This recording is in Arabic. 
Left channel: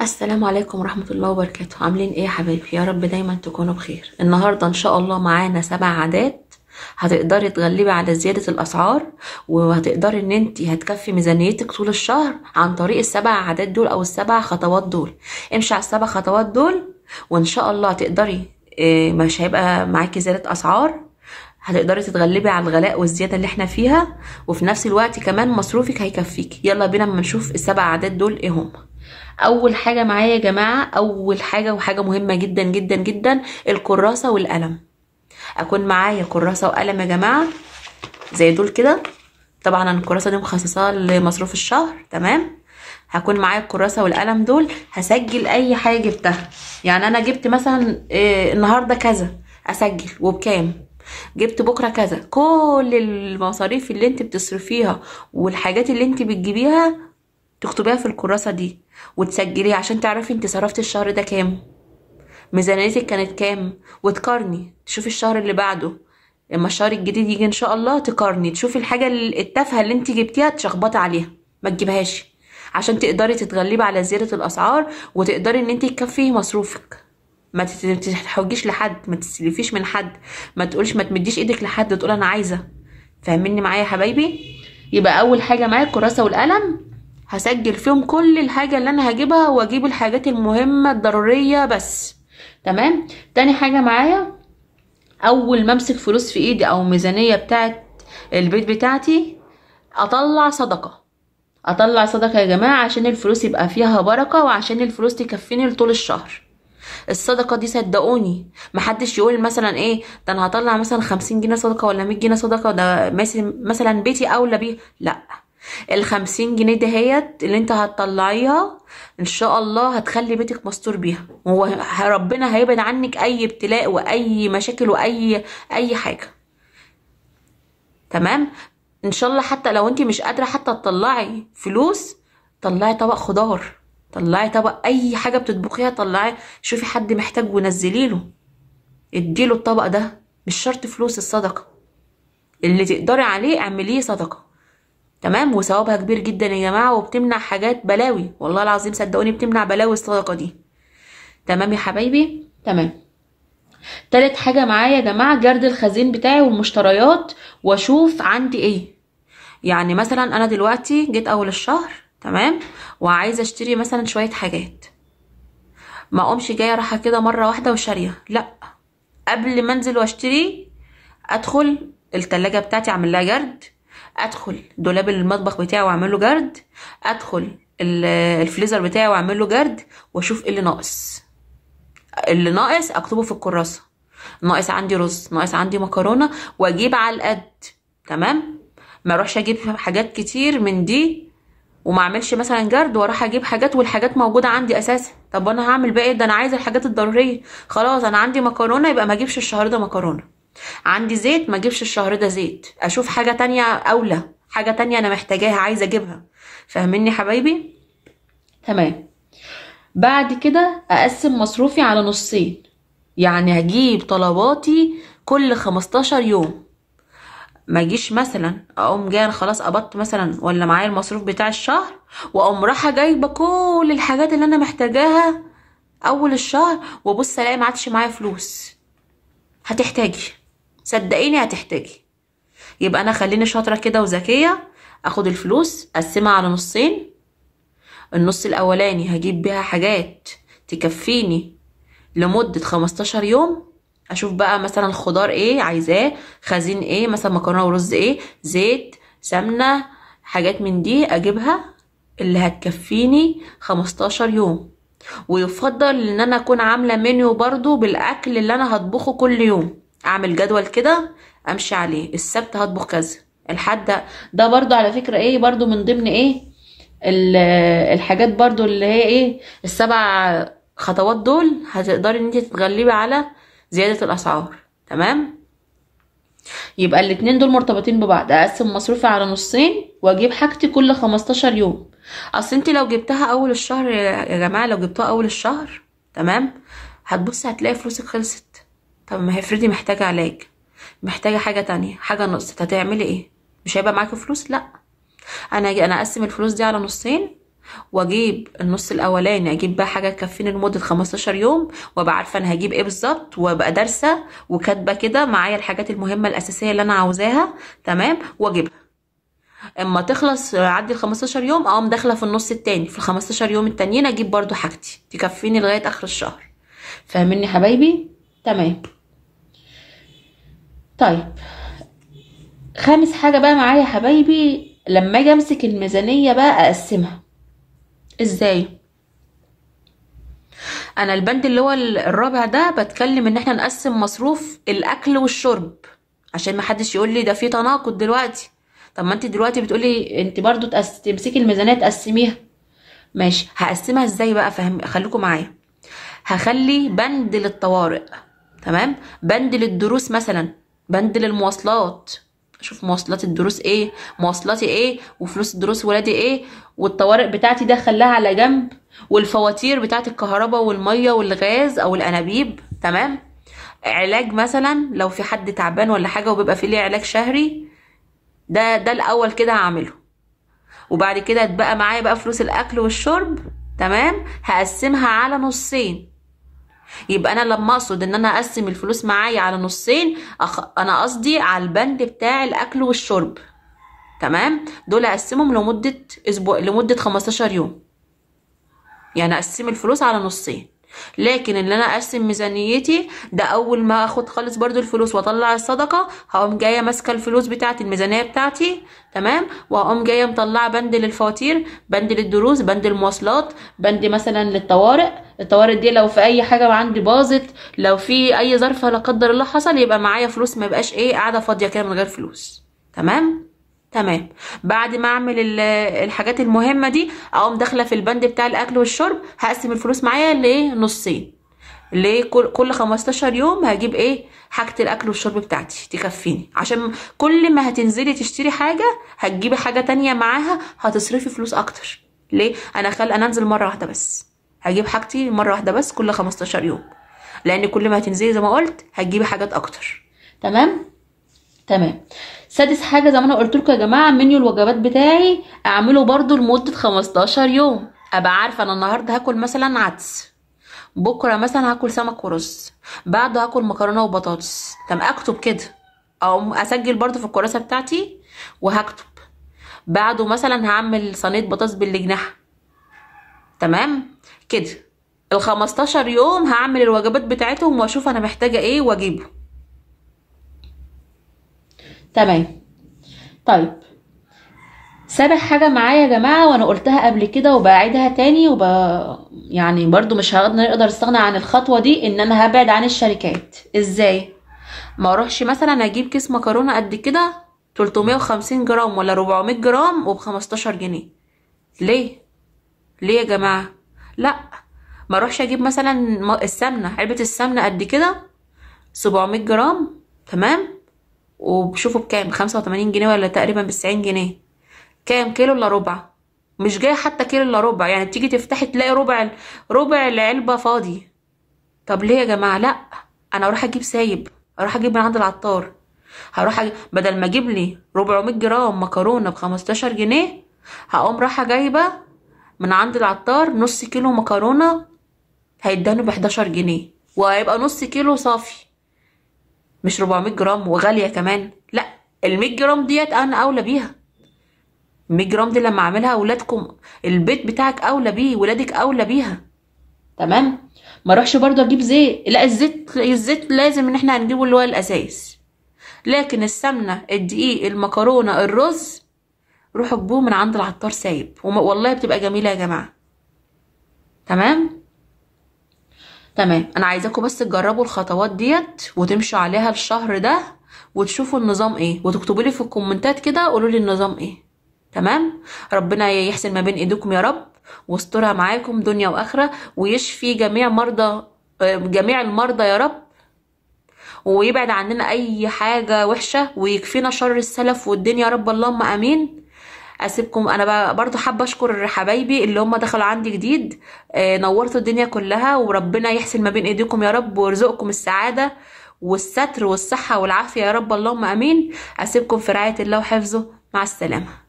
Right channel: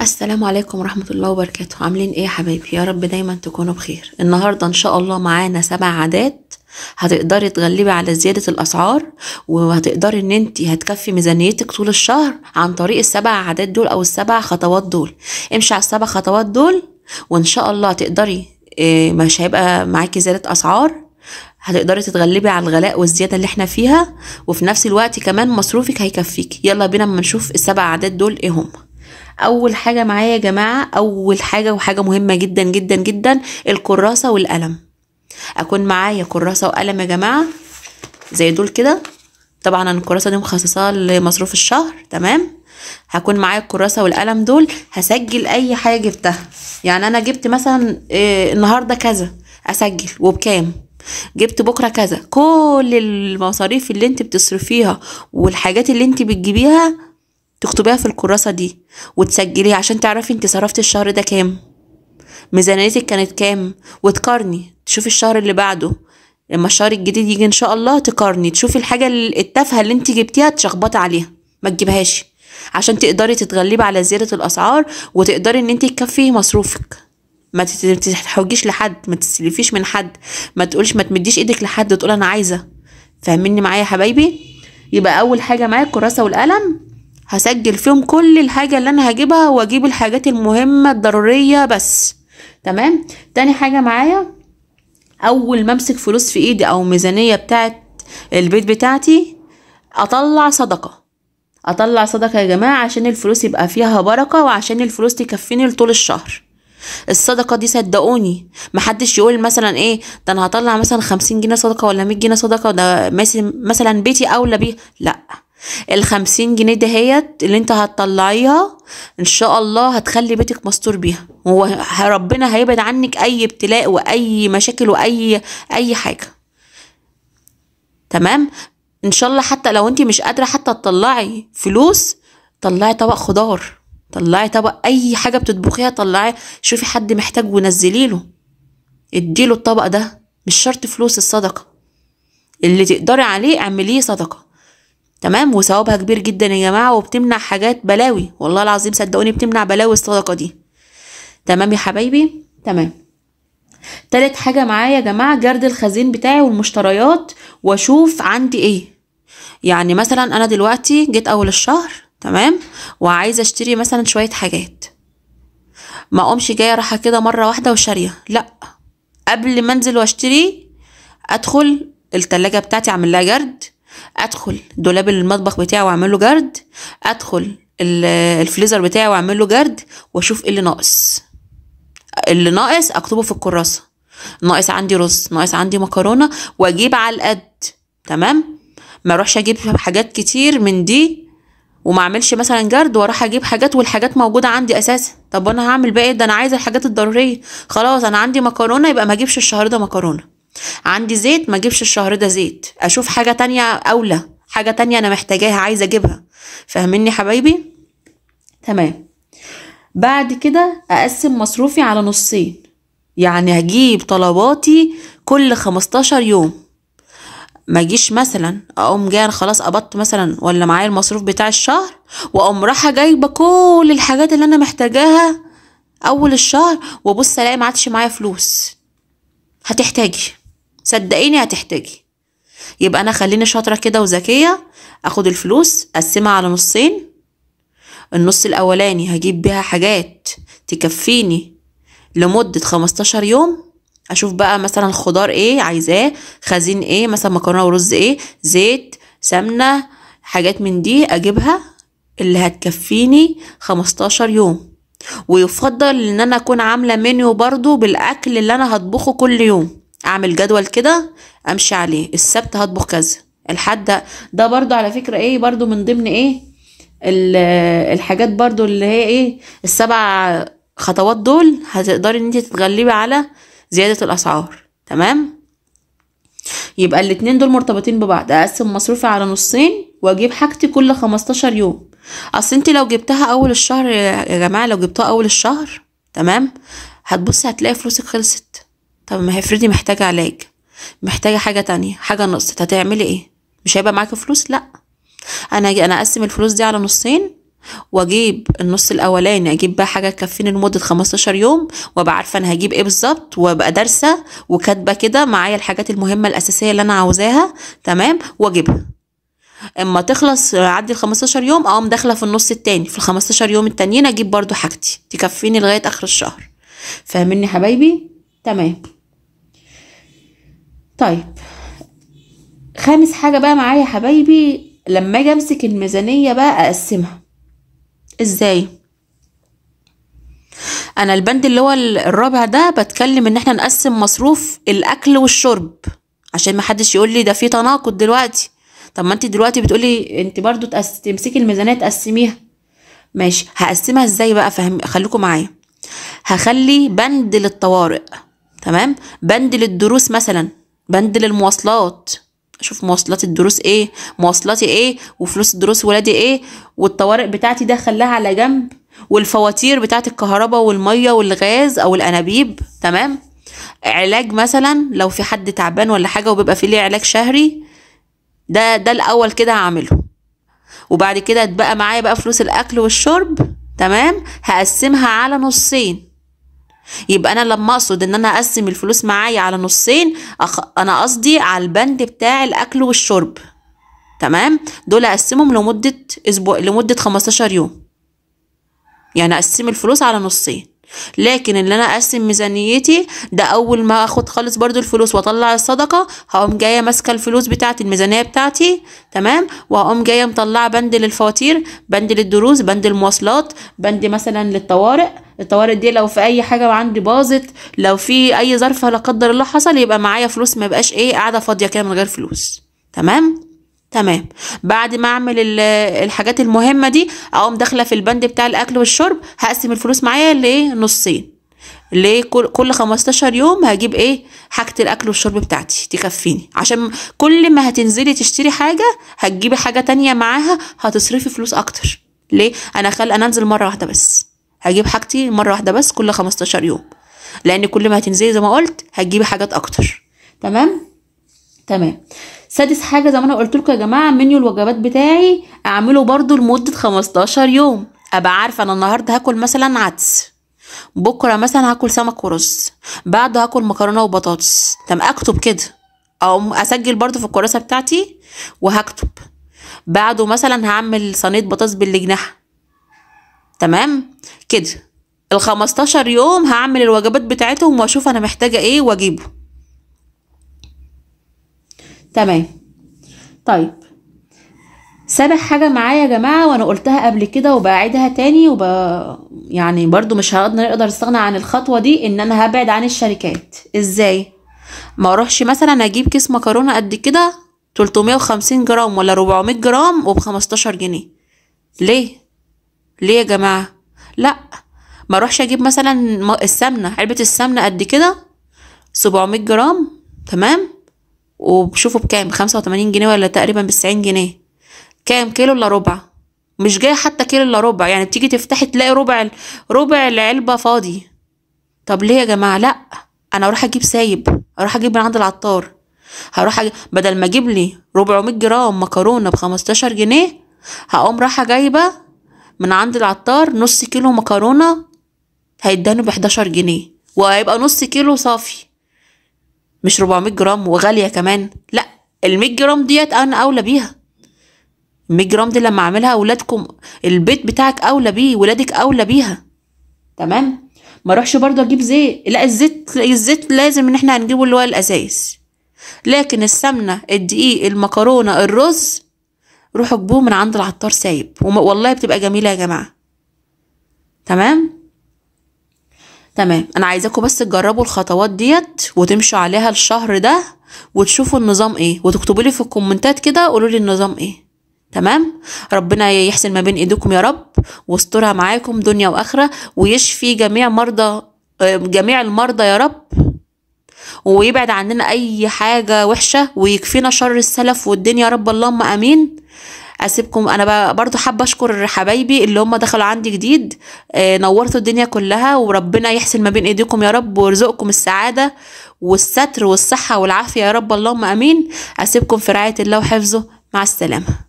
السلام عليكم ورحمة الله وبركاته. عاملين ايه يا حبايبي؟ يا رب دايما تكونوا بخير. النهاردة ان شاء الله معانا 7 عادات هتقدري تغلبي على زيادة الاسعار، وهتقدري ان انتي هتكفي ميزانيتك طول الشهر عن طريق ال7 عادات دول او ال7 خطوات دول. امشي على ال7 خطوات دول وان شاء الله هتقدري، مش هيبقى معاكي زيادة اسعار، هتقدري تتغلبي على الغلاء والزيادة اللي احنا فيها، وفي نفس الوقت كمان مصروفك هيكفيك. يلا بينا اما نشوف ال7 عادات دول ايه هم. اول حاجه معايا يا جماعه، اول حاجه وحاجه مهمه جدا جدا جدا، الكراسه والقلم. اكون معايا كراسه وقلم يا جماعه زي دول كده. طبعا انا الكراسه دي مخصصاها لمصروف الشهر، تمام. هكون معايا الكراسه والقلم دول، هسجل اي حاجه جبتها. يعني انا جبت مثلا النهارده كذا، اسجل وبكام. جبت بكره كذا، كل المصاريف اللي انت بتصرفيها والحاجات اللي انت بتجيبيها تكتبيها في الكراسة دي وتسجليها عشان تعرفي انت صرفتي الشهر ده كام، ميزانيتك كانت كام، وتقارني تشوفي الشهر اللي بعده. لما الشهر الجديد يجي ان شاء الله تقارني تشوفي الحاجة التافهة اللي انت جبتيها تشخبطي عليها، ما تجيبهاش، عشان تقدري تتغلبي على زيادة الاسعار وتقدري ان انت تكفي مصروفك. ما تتحوجيش لحد، ما تستلفيش من حد، ما تقولش، ما تمديش ايدك لحد تقول انا عايزة. فاهميني معايا يا حبايبي؟ يبقى اول حاجة معايا الكراسة والقلم، هسجل فيهم كل الحاجة اللي انا هجيبها واجيب الحاجات المهمة الضرورية بس، تمام. تاني حاجة معايا، اول ما امسك فلوس في ايدي او ميزانية بتاعت البيت بتاعتي، اطلع صدقة. اطلع صدقة يا جماعة عشان الفلوس يبقى فيها بركة، وعشان الفلوس تكفيني لطول الشهر. الصدقة دي صدقوني محدش يقول مثلا ايه ده انا هطلع مثلا 50 جنيه صدقة ولا 100 جنيه صدقة ده مثلا بيتي اولى بيه، لا. ال50 جنيه دهيت اللي انت هتطلعيها ان شاء الله هتخلي بيتك مستور بيها، ربنا هيبعد عنك اي ابتلاء واي مشاكل واي حاجة، تمام. ان شاء الله حتى لو انت مش قادرة حتى تطلعي فلوس، طلعي طبق خضار، طلعي طبق اي حاجة بتطبخيها، طلعي شوفي حد محتاج ونزليله، اديله الطبق ده. مش شرط فلوس الصدقة، اللي تقدري عليه اعمليه صدقة، تمام. وثوابها كبير جدا يا جماعة، وبتمنع حاجات بلاوي، والله العظيم صدقوني بتمنع بلاوي الصدقة دي، تمام يا حبايبي، تمام. تالت حاجة معايا يا جماعة، جرد الخزين بتاعي والمشتريات، واشوف عندي ايه. يعني مثلا انا دلوقتي جيت اول الشهر، تمام، وعايزة اشتري مثلا شوية حاجات، ما اقومش جاية راحة كده مرة واحدة وشارية، لا. قبل ما انزل واشتري، ادخل التلاجة بتاعتي اعمل لها جرد، ادخل دولاب المطبخ بتاعي واعمل له جرد، ادخل الفريزر بتاعي واعمل له جرد، واشوف ايه اللي ناقص. اللي ناقص اكتبه في الكراسة. ناقص عندي رز، ناقص عندي مكرونة، واجيب على القد، تمام. ما اروحش اجيب حاجات كتير من دي وما اعملش مثلا جرد واروح اجيب حاجات والحاجات موجوده عندي اساسا. طب انا هعمل بقى ايه؟ ده انا عايزه الحاجات الضروريه. خلاص انا عندي مكرونه، يبقى ما اجيبش الشهر ده مكرونه. عندي زيت، ما اجيبش الشهر ده زيت، اشوف حاجه تانية اولى، حاجه تانية انا محتاجاها عايزه اجيبها. فاهميني حبايبي؟ تمام. بعد كده اقسم مصروفي على نصين، يعني هجيب طلباتي كل 15 يوم. ما اجيش مثلا اقوم جايه خلاص قبضت مثلا ولا معايا المصروف بتاع الشهر، واقوم رايحه جايبه كل الحاجات اللي انا محتاجاها اول الشهر، وابص الاقي ما عادش معايا فلوس. هتحتاجي، صدقيني هتحتاجي. يبقى انا خليني شاطره كده وذكيه، اخد الفلوس اقسمها على نصين. النص الاولاني هجيب بيها حاجات تكفيني لمده 15 يوم. اشوف بقى مثلا خضار ايه عايزاه، خزين ايه، مثلا مكرونه ورز ايه، زيت، سمنه، حاجات من دي اجيبها اللي هتكفيني 15 يوم. ويفضل ان انا اكون عامله منيو برضو بالاكل اللي انا هطبخه كل يوم، اعمل جدول كده امشي عليه. السبت هطبخ كذا، الحد ده برضو على فكره ايه، برضو من ضمن ايه الحاجات برضو اللي هي ايه، ال7 خطوات دول هتقدري ان انت تتغلبي على زيادة الأسعار، تمام. يبقى الاتنين دول مرتبطين ببعض، أقسم مصروفي على نصين وأجيب حاجتي كل 15 يوم. أصل انت لو جبتها أول الشهر يا جماعة، لو جبتها أول الشهر، تمام، هتبصي هتلاقي فلوسك خلصت. طب ما هي افرضي محتاجة علاج، محتاجة حاجة تانية، حاجة نقصت، هتعملي ايه؟ مش هيبقى معاكي فلوس؟ لا. أنا أقسم الفلوس دي على نصين، واجيب النص الاولاني اجيب بقى حاجه تكفيني لمده 15 يوم، وابقى عارفه انا هجيب ايه بالظبط، وابقى دارسه وكاتبه كده معايا الحاجات المهمه الاساسيه اللي انا عاوزاها. تمام، واجيبها. اما تخلص عدي ال 15 يوم اقوم داخله في النص التاني، في ال 15 يوم التانيين اجيب برضو حاجتي تكفيني لغايه اخر الشهر. فاهميني حبايبي؟ تمام. طيب، خامس حاجه بقى معايا حبايبي، لما اجي امسك الميزانيه بقى اقسمها ازاي. انا البند اللي هو الرابع ده بتكلم ان احنا نقسم مصروف الاكل والشرب، عشان ما حدش يقول لي ده في تناقض دلوقتي. طب ما انت دلوقتي بتقولي انت برضو تمسكي الميزانيه تقسميها. ماشي، هقسمها ازاي بقى؟ خليكم معايا. هخلي بند للطوارئ، تمام، بند للدروس مثلا، بند للمواصلات، اشوف مواصلات الدروس ايه، مواصلاتي ايه، وفلوس الدروس ولادي ايه، والطوارئ بتاعتي ده خلاها على جنب، والفواتير بتاعت الكهرباء والميه والغاز او الانابيب. تمام. علاج مثلا لو في حد تعبان ولا حاجه وبيبقى في ليه علاج شهري، ده الاول كده هعمله. وبعد كده اتبقى معايا بقى فلوس الاكل والشرب. تمام، هقسمها على نصين. يبقى انا لما اقصد ان انا اقسم الفلوس معايا على نصين، انا قصدي على البند بتاع الاكل والشرب. تمام، دول اقسمهم لمده اسبوع، لمده 15 يوم، يعني اقسم الفلوس على نصين. لكن اللي انا اقسم ميزانيتي ده اول ما اخد خالص برضو الفلوس واطلع الصدقه، هقوم جايه ماسكه الفلوس بتاعتي الميزانيه بتاعتي. تمام، وهقوم جايه مطلعه بند للفواتير، بند للدروس، بند المواصلات، بند مثلا للطوارئ. الطوارئ دي لو في اي حاجه عندي باظت، لو في اي ظرف لا قدر الله حصل، يبقى معايا فلوس، ما يبقاش ايه قاعده فاضيه كده من غير فلوس. تمام. تمام. بعد ما اعمل الحاجات المهمه دي، اقوم داخله في البند بتاع الاكل والشرب، هقسم الفلوس معايا لايه نصين. ليه؟ كل 15 يوم هجيب ايه حاجه الاكل والشرب بتاعتي تكفيني، عشان كل ما هتنزلي تشتري حاجه هتجيبي حاجه تانية معاها، هتصرفي فلوس اكتر. ليه؟ انا انزل مره واحده بس، هجيب حاجتي مره واحده بس كل 15 يوم، لان كل ما هتنزلي زي ما قلت هتجيبي حاجات اكتر. تمام. تمام. سادس حاجه زي ما انا قلت لكم يا جماعه، منيو الوجبات بتاعي اعمله برضو لمده 15 يوم. ابقى عارفه انا النهارده هاكل مثلا عدس، بكره مثلا هاكل سمك ورز، بعده هاكل مكرونه وبطاطس. تمام، اكتب كده او اسجل برضو في الكراسه بتاعتي وهكتب. بعده مثلا هعمل صينيه بطاطس بالجناح. تمام كده. ال 15 يوم هعمل الوجبات بتاعتهم واشوف انا محتاجه ايه واجيبه. تمام. طيب، سابع حاجة معايا يا جماعة، وانا قلتها قبل كده وبعيدها تاني يعني برضو مش نقدر نستغنى عن الخطوة دي، ان انا هبعد عن الشركات. ازاي؟ ما اروحش مثلا اجيب كيس مكرونة قد كده 350 جرام ولا 400 جرام وب 15 جنيه. ليه؟ ليه يا جماعة؟ لا، ما اروحش اجيب مثلا السمنة، علبة السمنة قد كده 700 جرام. تمام، وبشوفوا بكام، 85 جنيه ولا تقريبا ب90 جنيه. كام كيلو الا ربع، مش جاي حتى كيلو الا ربع، يعني بتيجي تفتحي تلاقي ربع العلبة فاضي. طب ليه يا جماعة؟ لا، انا اروح اجيب سايب، اروح اجيب من عند العطار. بدل ما اجيب لي 400 جرام مكرونة ب15 جنيه، هقوم رايحة جايبة من عند العطار نص كيلو مكرونة، هيداني ب11 جنيه، وهيبقى نص كيلو صافي، مش 400 جرام وغالية كمان. لا، ال100 جرام ديت انا اولى بيها. 100 جرام دي لما اعملها اولادكم، البيت بتاعك اولى بيه، ولادك اولى بيها. تمام. ما اروحش برضه اجيب زيت، لا، الزيت لازم ان احنا هنجيبه اللي هو الاساس، لكن السمنه، الدقيق، المكرونه، الرز، روحوا اجيبوه من عند العطار سايب، والله بتبقى جميله يا جماعه. تمام. تمام، انا عايزاكم بس تجربوا الخطوات ديت وتمشوا عليها الشهر ده، وتشوفوا النظام ايه، وتكتبوا لي في الكومنتات كده قولوا لي النظام ايه. تمام. ربنا يحسن ما بين ايديكم يا رب، واسترها معاكم دنيا واخره، ويشفي جميع المرضى يا رب، ويبعد عننا اي حاجه وحشه، ويكفينا شر السلف والدنيا يا رب، اللهم امين. اسيبكم انا بقى برضو حابه اشكر حبايبي اللي هم دخلوا عندي جديد، نورتوا الدنيا كلها، وربنا يحسن ما بين ايديكم يا رب، ويرزقكم السعاده والستر والصحه والعافيه يا رب، اللهم امين. اسيبكم في رعايه الله وحفظه، مع السلامه.